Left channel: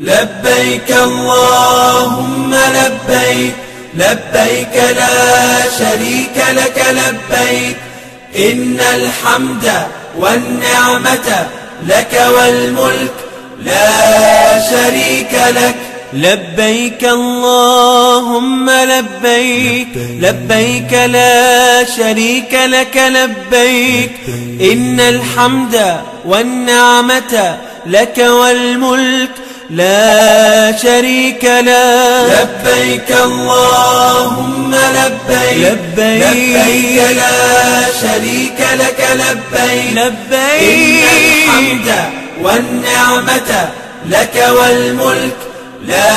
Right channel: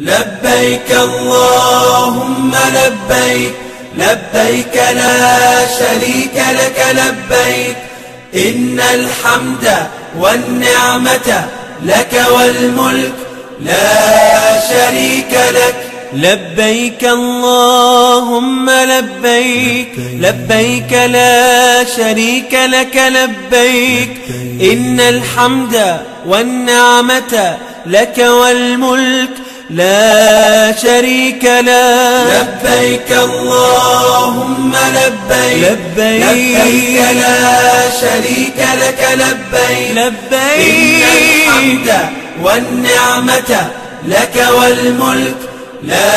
لبيك اللهم لبيك، لبيك لا شريك لك لبيك، إن الحمد والنعمة لك والملك لا شريك لك. لبيك اللهم لبيك، لبيك لا شريك لك لبيك، إن الحمد والنعمة لك والملك لا شريك لك. لبيك اللهم لبيك، لبيك لا شريك لك لبيك، لبيك إن الحمد والنعمة لك والملك لا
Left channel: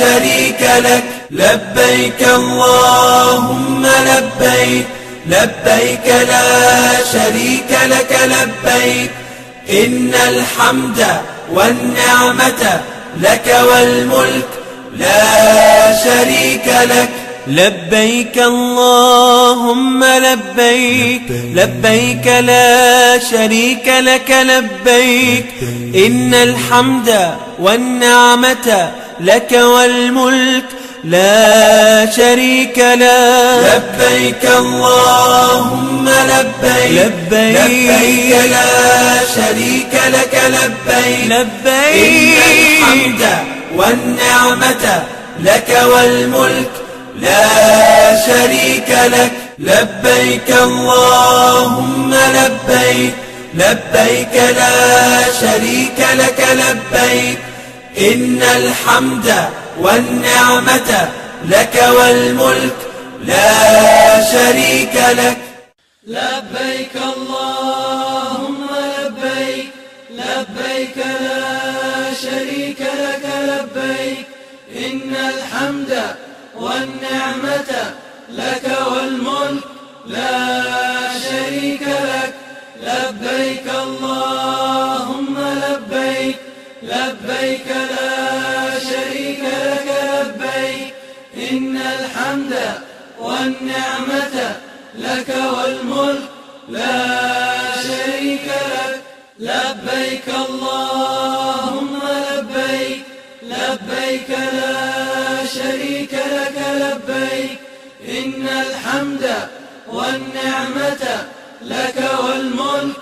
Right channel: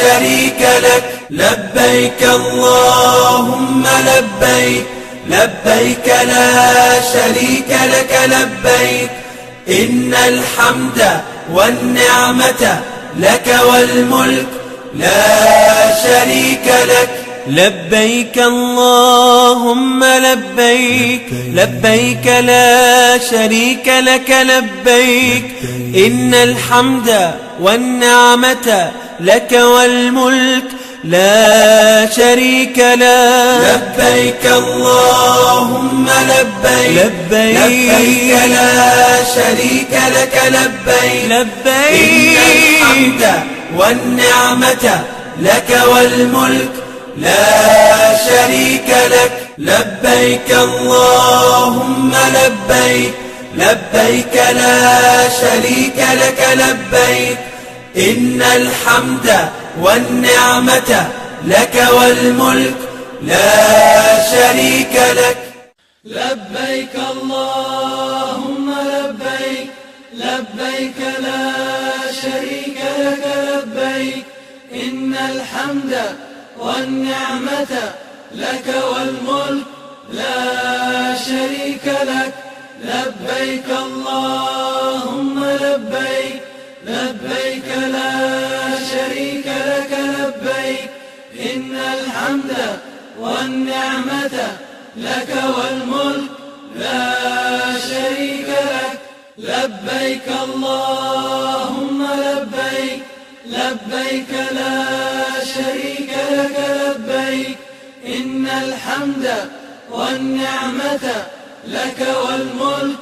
شريك لك. لبيك اللهم لبيك، لبيك لا شريك لك لبيك، إن الحمد والنعمة لك والملك لا شريك لك. لبيك اللهم لبيك، لبيك لا شريك لك لبيك، إن الحمد والنعمة لك والملك لا شريك لك. لبيك اللهم لبيك، لبيك لا شريك لك لبيك، لبيك إن الحمد والنعمة لك والملك لا شريك لك. لبيك اللهم لبيك، لبيك لا شريك لك لبيك، إن الحمد والنعمة لك والملك لا شريك لك. لبيك اللهم لبيك، لبيك لا شريك لك لبيك، إن الحمد والنعمة لك والملك لا شريك لك. لبيك اللهم لبيك، لبيك لا شريك لك لبيك، إن الحمد والنعمة لك والملك لا شريك لك. لبيك اللهم لبيك، لبيك لا شريك لك لبيك، إن الحمد والنعمة لك والملك